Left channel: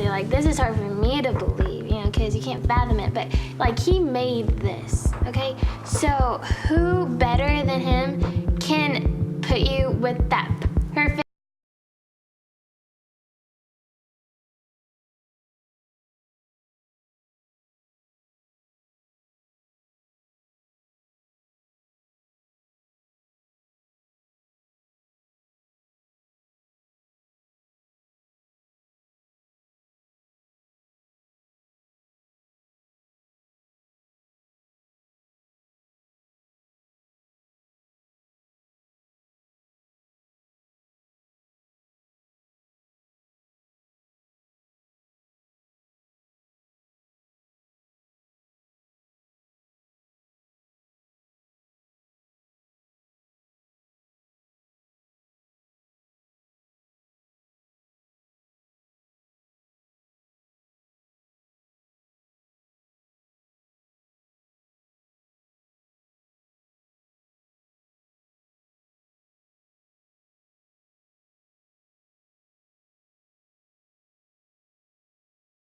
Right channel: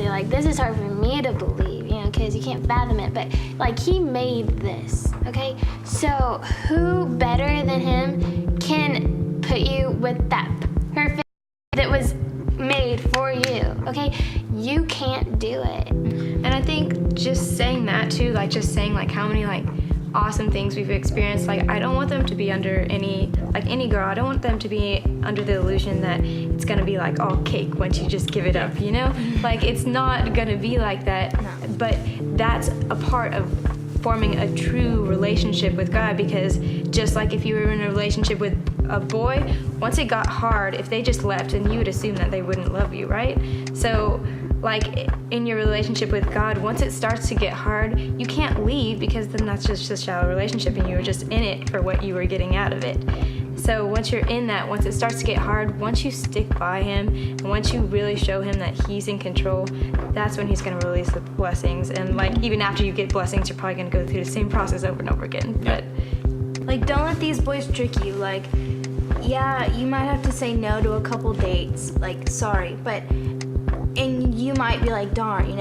obviously, like, this is hard for me to believe, you know, because you can't fathom it, but, like, he made this, okay? So who better than him can put you with that perfect that was made for you, okay? You can't do it. And I think just saying that too, like just saying like how many like awesome things we've experienced, like I don't want them to be under any girl, I don't want them to be under the illusion that it's gonna be like all cake once you just give it up, you know? Like it's not gonna be like that. No. But that's a part of forming a true relationship with God, because just like if you were in a relationship with a boy, once it got hard, if they just left, then you would assume that they wouldn't love you, right? So like in your relationship with God, once it starts to get hard, you can't leave, because then that's just a shallow relationship and you were just in it for what you were getting out of it. So once you're in that, once it starts to get hard, once you stick by him and once you really show him that he's in control, that's when he's going to release the blessings. And like even after you get blessings, you're probably going to go through the same process over and over again. But like, don't let these boys trick you. Like, yeah, you might have to say no to a couple dates, like, sorry, but and you might be like, darn,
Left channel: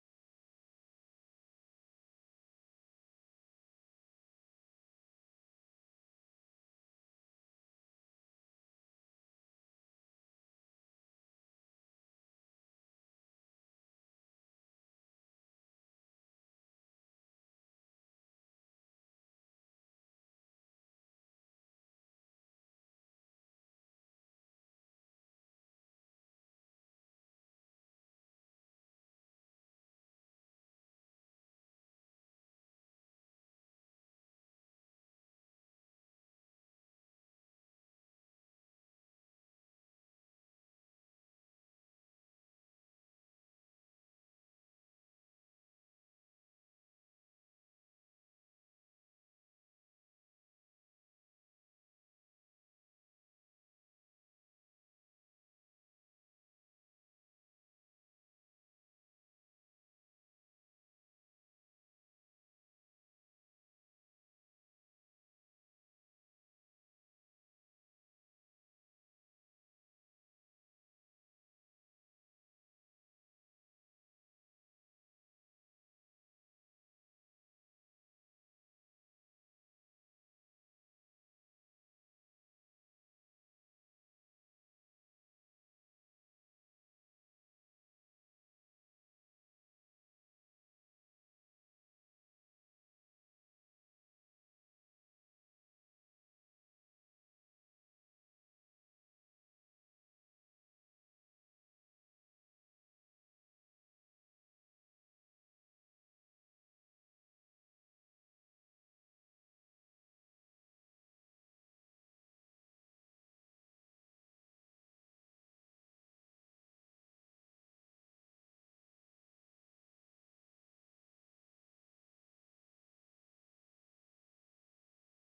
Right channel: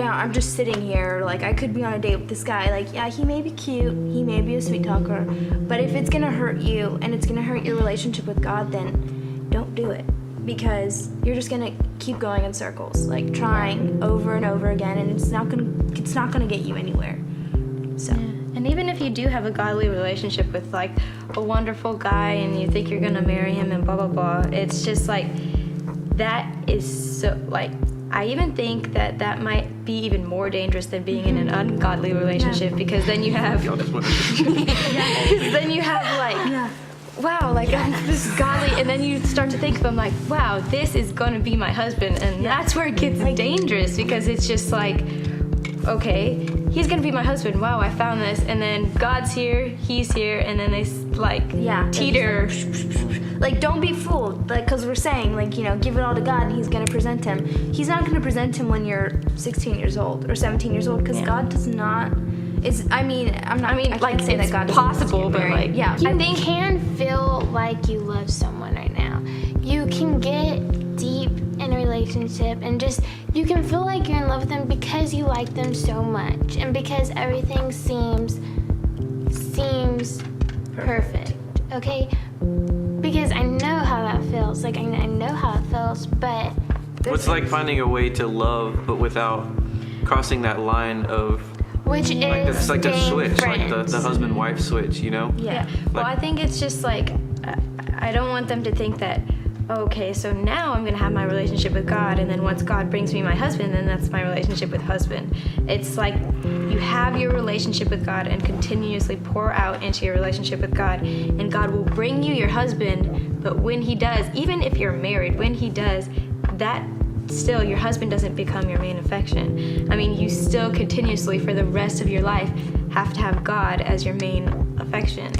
I'm just sitting here, like, I could be on a date with this guy, like, yeah, he may be cute, he may be a sweet talker, but if it's gonna hurt you and it's gonna hurt your relationship with God, then don't do it, because you're just gonna keep going in circles, like trying over and over again, and it's not gonna get you anywhere. So. Yeah. And even if you do have a godly relationship with like a wonderful guy and you think you're gonna marry him and blah blah blah, it's just like that is so like I even think that might be even more dangerous than being in an ungodly relationship, because then you have then you have like wow, like this is godly, and then you start to think of him like, wow, this is gonna be my husband, and that's where it gets dangerous, because it's just like, okay, he's gonna be my husband. Wow, I found this, and then God's here, he's here, and then they like teeter. Like, don't be fooled, like, because we're saying, like, give it all to God and he's going to present him. He's not going to present him when you're 16 years old or 17 years old, because God does not. I can't say that God possible, but like, yeah, I think you can feel like you love someone right now. You can get deep in a relationship and just, you can feel like you're in love with them because you like them so much and because everything seems perfect, okay? Because I know how that feels. Like, I know how it feels, but... It's like finding a way to love, but without crossing that line of... Which is like, it's like the switch, friends. like the husband-wife switch, Yeah. Well, I think it's just like, I don't want them to think that, okay, so now I'm going to have my relationship with God, and then once God brings me my husband, then that's my relationship with husband. It's like you have your relationship with God and continuously pour out into your relationship with God, and God will bring you your husband, but when he does, even if you're married, when he does, that still, your husband doesn't become your main affection. I mean, you still continuously, for the rest of your life, have to have God as your main affection.